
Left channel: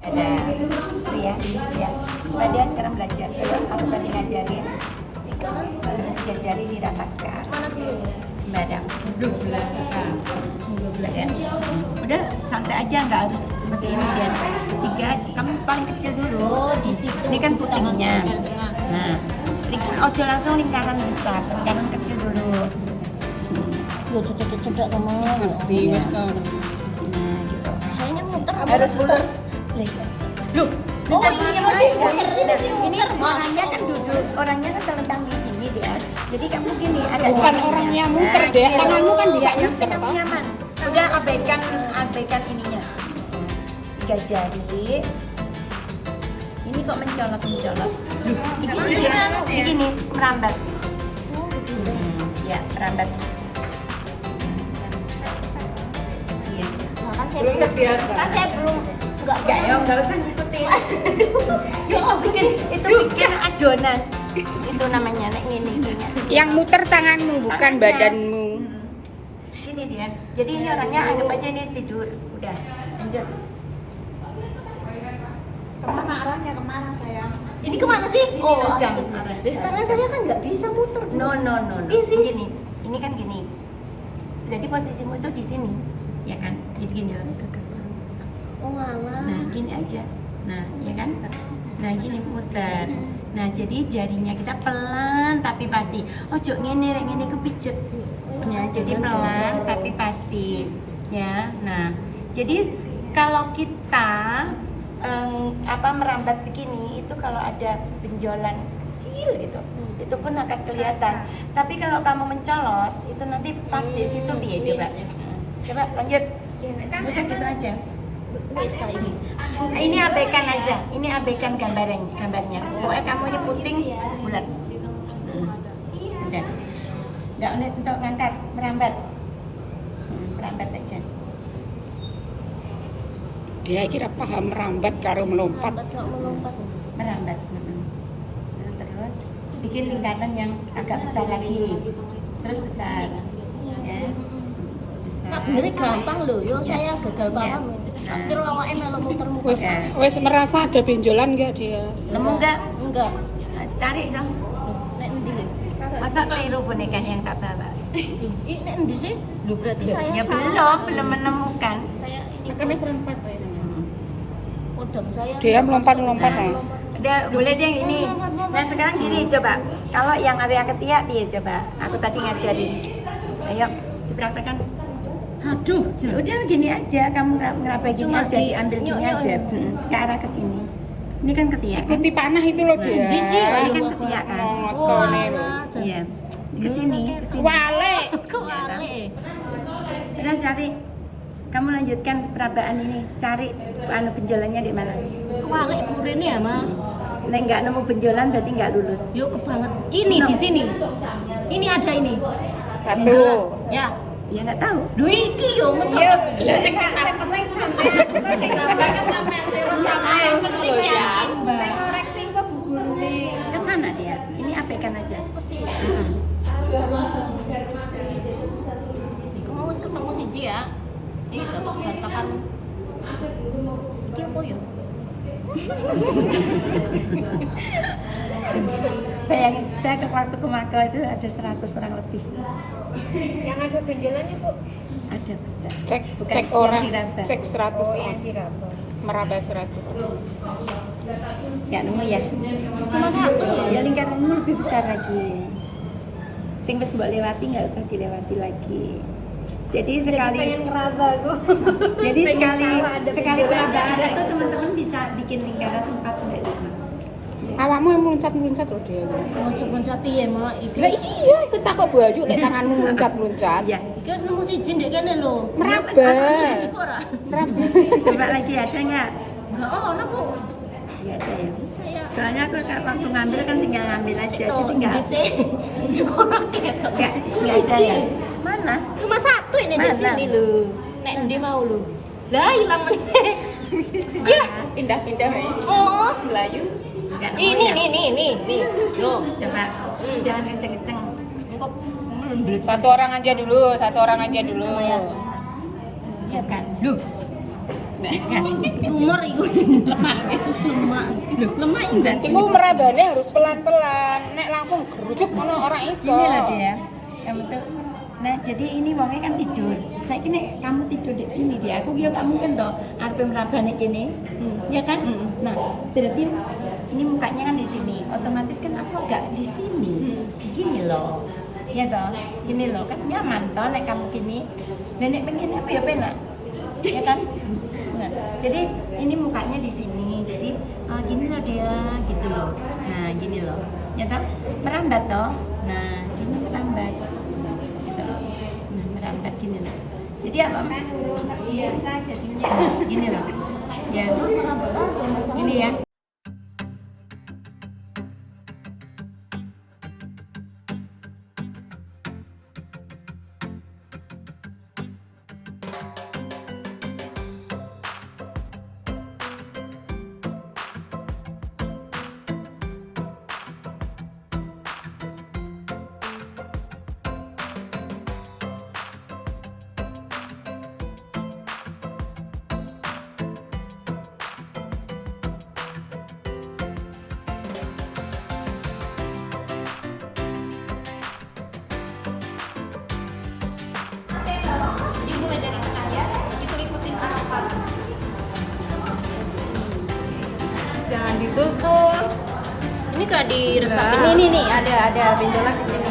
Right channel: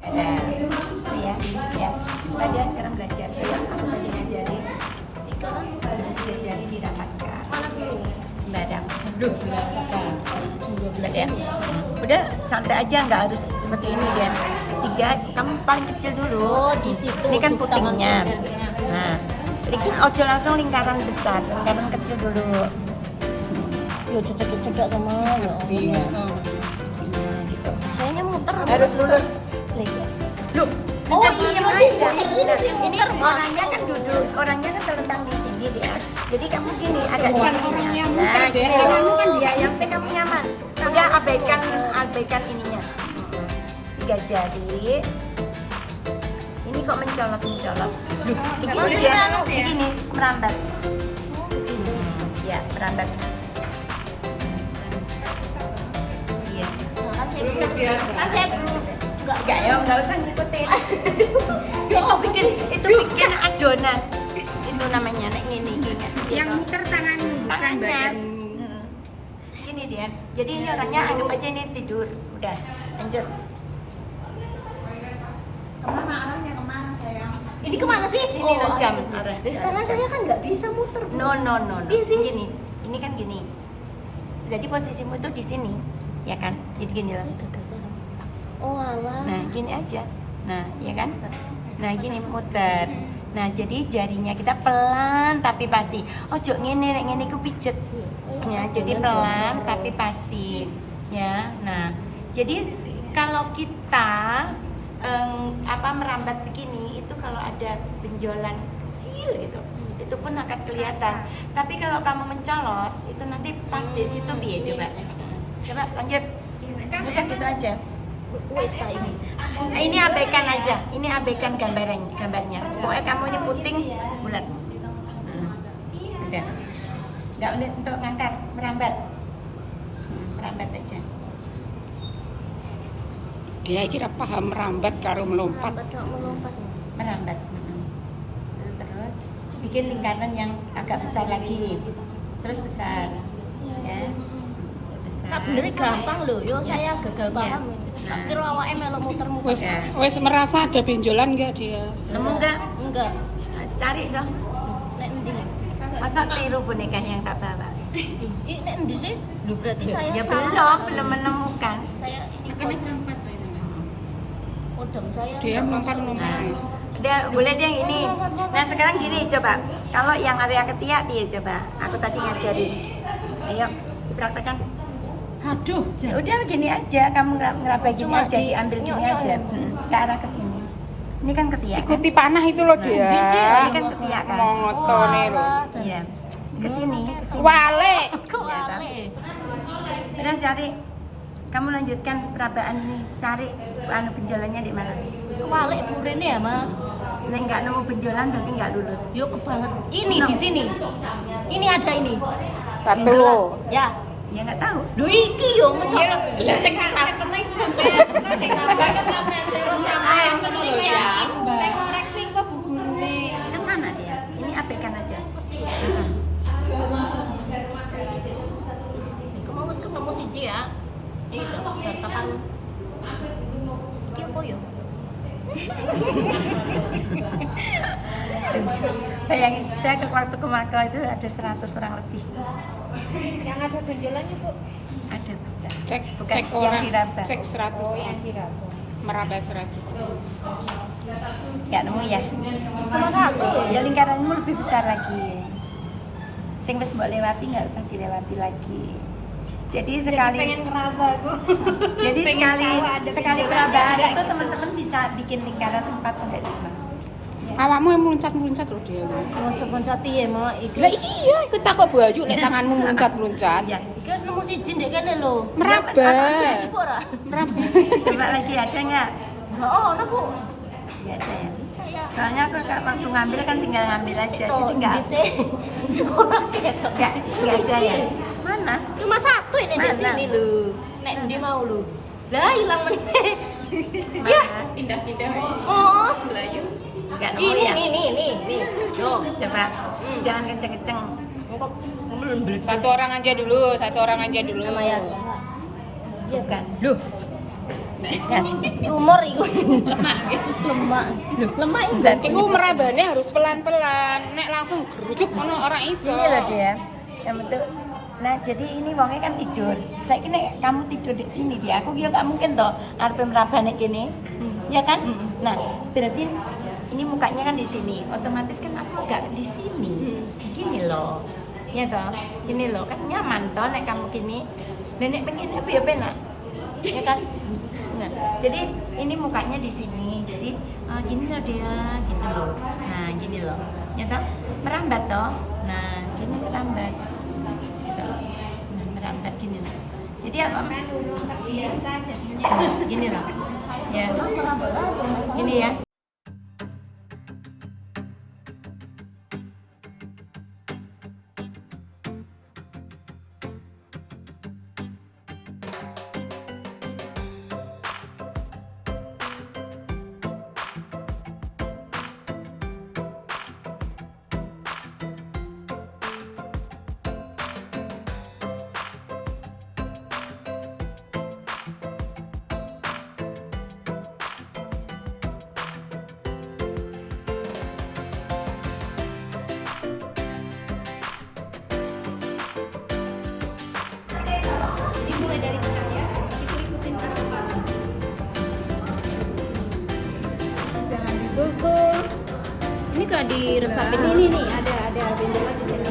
Ada. Itu ya. Coba dia sekarang belajar. Ayo, aku tadi ngajarin. Tiga jari dirapatkan. Mana dulu? Sembarang. Duh, ada. Udah santai aja, nggak harus seperti ini ya. Tiga, kamu paling kecil dulu. Oh, di situ. Ini kan putingnya. Nah, ojo langsung lingkaran besar, lingkaran kecil dulu. Yo cedek-cedek teman. Ngerti, Mas tau. Sayangnya muter. Harus lurus. Loh, Oh, ntar iya, diem masih aja. muter, ini masih Ini muter, Mas. orangnya kan duduk, orangnya kan terlentang di sini dia. Jadi kamu gini, agak Bukan gini orangnya ya. muter, Nah, Dek. gitu. Tanganmu kan bisa Ya, yang muter, penting kamu toh. nyaman. Udah abaikan ininya. Tiga jari. Ini kok mencolot. Ini dia, begini, merambat. Ya, merambat. Iya. Nah, kan saya belum Enggak usah ngikutin. itu bikin adonan. Itu namanya nek ngene iki. Yang muter tanganmu bukan Tangannya. badanmu. Gini dia. Jadi ini orangnya anggap aja ini tidur. Udah, lanjut. Kemana arahnya, kemana sayang? Ini kemana sih? Sini lo jam. astaga. Arah. Karena saya kan nggak bisa muter. No. Iya sih. Gini. Ini kan gini. Jadi posisimu itu di sini, ya kan? Jadi gini loh. Oh alah. Nah, gini aja. Nah, ya kan? Nah, gini muter. Nah, jadi jarinya kita pelan tapi pasti. Ojo ngene rek ngene iku pijet. Ya, jadi pelan tapi pasti. Ya. Nah, jadi kalau kita merambat begini itu kalau ada benjolan kecil gitu. Itu pun akan kelihatan. Tapi kalau kamu mencolot, itu nanti pas di situ piye coba. Coba lanjut. Udah gitu aja. Wes ta ini. Nah, ini abaikan aja. Ini abaikan gambarnya. Pokoknya kamu ini puting bulat. Udah. Enggak boleh untuk ngangkat, merambat. Merambat aja. Dia kira paham merambat karo melompat. Melompat. Merambat. Terus bikin lingkaran yang agak besar lagi. Terus besar. Ya. Besar. Sebenarnya gampang loh, yo saya gagal paham. Nah. Kira awake melok muter-muter. Wes wes merasa ada benjolan enggak dia? Nemu enggak? Enggak. Cari dong. Nek endi lho? Masa keliru boneka yang tak bawa? Ini nek endi sih? Lho berarti saya Ya salah. belum menemukan. Saya ini Makanya perempat ini. kodam saya. Dia melompat-lompat ya. Udah, boleh deh yang ini. Nah sekarang gini coba. Kalau yang area ketiak dia coba. Aku tadi ngajarin. Ayo dipraktekkan. Aduh, Udah gini aja. Kamu ngeraba gini Cuma aja, diambil gini aja. Ke arah kesini. Ini kan ketiak. Kan? Ikuti panah itu loh dia. Di sini. Ini kan ketiak kan. Mongotone lho. Iya. Kesini. Wale. Kewale. Udah cari. Kamu lanjutkan perabaan ini. Cari benjolannya di mana. Kewale burine ya, Ma. Nek nggak nemu benjolan berarti nggak lulus. Yo kebanget. Ini di sini. Ini ada ini. Satu. Ya. Ya nggak tahu. Duh iki yo mencolot. Lah sing Saya koreksi kok bu gurune. Ke sana dia. Ini abaikan aja. Iku mau wis ketemu siji ya. Iki datakan. Iki apa yo? Bayangin, saya waktu ke Makau itu ada 100 orang lebih. Yang ada benjolannya bu. Ada bukan? cek Bukan cek yang orang diraba. cek 100 orang. diraba. Meraba 100. Nggak nemu ya? Cuma satu. Ya lingkaranmu lebih besar lagi. Sing wis mbok lewati nggak usah dilewati lagi. Jadi sekali jadi sekali perabaan itu teman-teman bisa bikin lingkaran 4 sampai 5. Awakmu yang meluncat-meluncat loh dia. Loncat-loncat piye, Ma? Iki. Lah iya, ikut takut baju lek tanganmu meluncat-meluncat. Ya. Iki wis nemu siji ndek kene lho. Meraba. Siji kok ora? Meraba. Coba lagi ada nggak? Enggak ono kok. Nggak ada ya. Saya Soalnya aku waktu ngambil kan tinggal ngambil aja, jadi nggak Ora ketok. nggak ada ya. Mana? Cuma satu ini di Mana? sini lho. Nek ndi mau lho. Lah ilang meneh. Ya, Pindah-pindah ya. oh. Melayu. Nggak nemu ya. Nih. Loh, Coba jangan kenceng-kenceng. Satu orang aja dulu. Ya. Iya kan? Loh. Tumor iku. Lemak gitu. Lemak Iku merabane harus pelan-pelan. Nek langsung gerujuk ngono ora iso. Ini loh dia, yang betul. Nah jadi ini wongnya kan tidur. Saya kira kamu tidur di sini dia. Aku kira nggak mungkin toh. Arep merabane kene, ya kan? Nah berarti ini mukanya kan di sini. Otomatis kan aku nggak di sini. Gini loh, ya toh. Gini loh kan nyaman toh. Nek kamu gini, nenek pengen apa ya penak, ya kan? Nah, jadi ini mukanya di sini. Jadi gini loh dia, gitu loh. Nah gini loh, ya toh. Merambat toh. Nah gini merambat. Merambat gini loh. Jadi apa? Biasa jadinya. Gini loh. Ya. Gini ya. Jadi mulai dari tengah ya, ikutin arahan. Jangan ditutup. Ini gak diresapin. Ini nih ada benjolan di sini.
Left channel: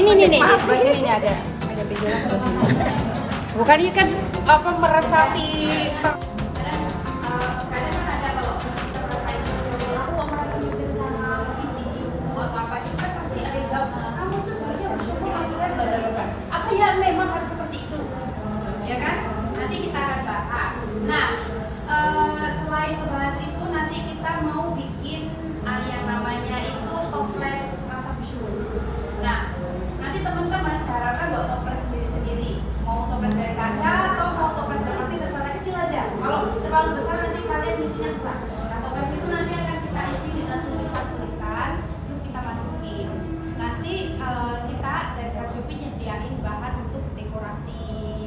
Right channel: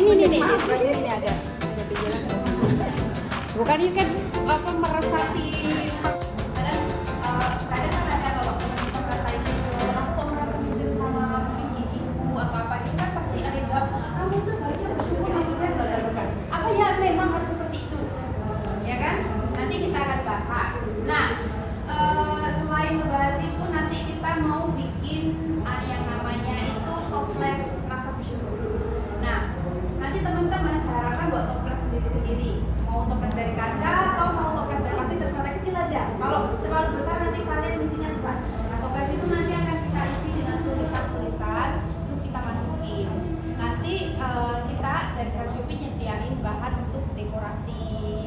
Ini ada benjolan. Bukan ini kan apa meresapi. Kadang kan ada kalau kita merasain apa itu kan pasti ada jawab. Kamu tuh sebenarnya bersyukur apa ya memang harus seperti itu, ya kan? Nanti kita akan bahas. Nah, selain membahas itu nanti kita mau bikin yang namanya itu toples rasa bersyukur. Nah, nanti teman-teman sarankan buat toples sendiri-sendiri. Mau toples dari kaca atau mau toples dari plastik terserah, kecil aja. Kalau terlalu besar nanti kalian isinya besar. Nah, toples itu nanti akan kita isi dengan tulisan-tulisan, terus kita masukin. Nanti kita dari Shopee nyediain bahan untuk dekorasi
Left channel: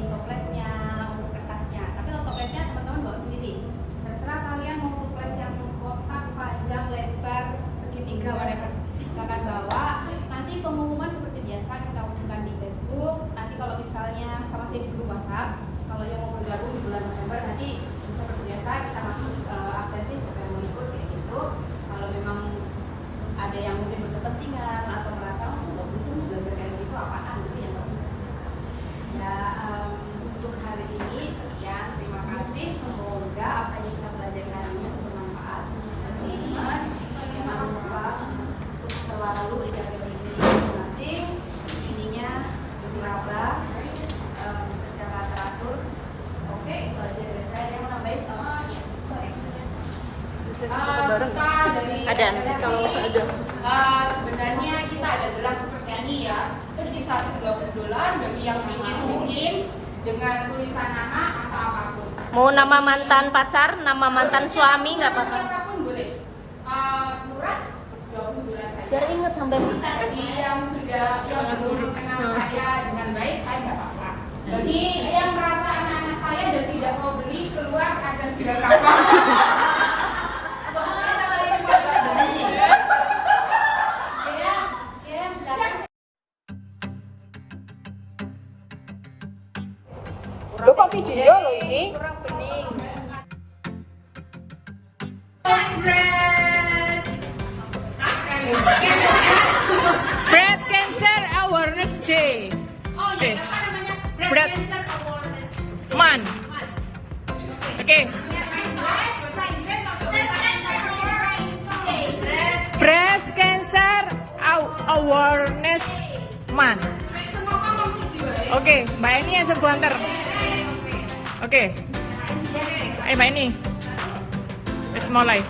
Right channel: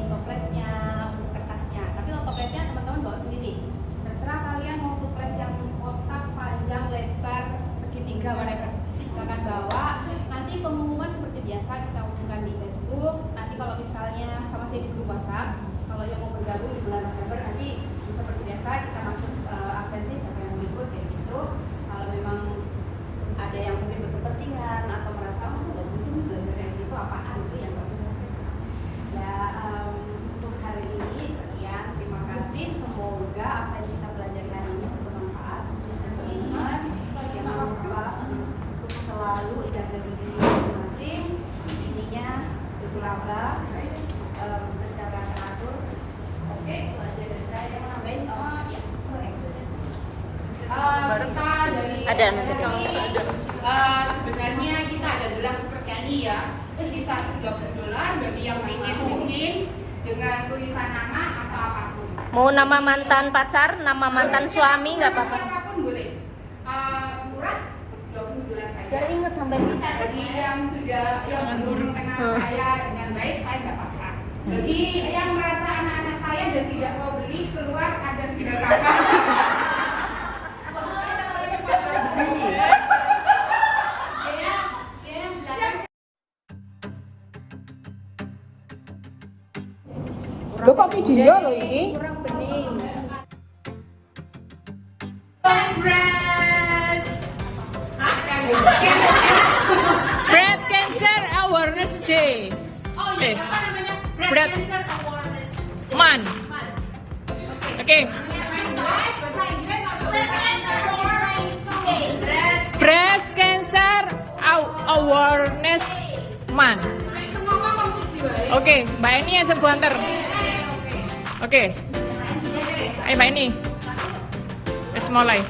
toplesnya, untuk kertasnya. Tapi kalau toplesnya teman-teman bawa sendiri. Terserah kalian mau toples yang kotak, panjang, lebar, segitiga, whatever. Silahkan bawa. Nanti pengumuman seperti biasa kita umumkan di Facebook. Nanti kalau misalnya sama saya di grup WhatsApp, kalau yang mau bergabung di bulan November nanti seperti biasa kita masuk absensi siapa yang mau ikut kayak gitu. Kalau memang ada yang mungkin berkepentingan atau merasa nggak butuh belajar kayak gitu apaan itu yang harus ya. Untuk hari ini sekian, terima kasih. Semoga apa yang kita belajar hari ini bermanfaat. Teman-teman jangan lupa untuk selalu jaga diri masing-masing, ininya berlaba secara teratur. Oke, itu aja dari saya. Yang mau nambahin? Ya. Kita dari Ada nanti. sebenarnya kita ada gelang seperti ini ya. Ini $1 bagi yang ingin mungkin dengan tulisan nama atau apapun. Mau nama mantan pacar, nama mantan suami nggak apa-apa. Apapun boleh. Murah $20 saja. Biar inget sampai Bagi yang sudah yang belum kenal saya dengan baik, saya nggak apa-apa. Bagi yang merasa anak-anak saya dan tidak mau beli, keluar kadang tidak apa-apa. Loh kok video lho iki? Breast Cancer Awareness Day. Oh iya, apa namanya? Breast Cancer Awareness Month. Oke. Breast Cancer Awareness Month. Oke, Mbak Eni yang sebentar. Oke. Ayo Mbak Eni. Let's mulai.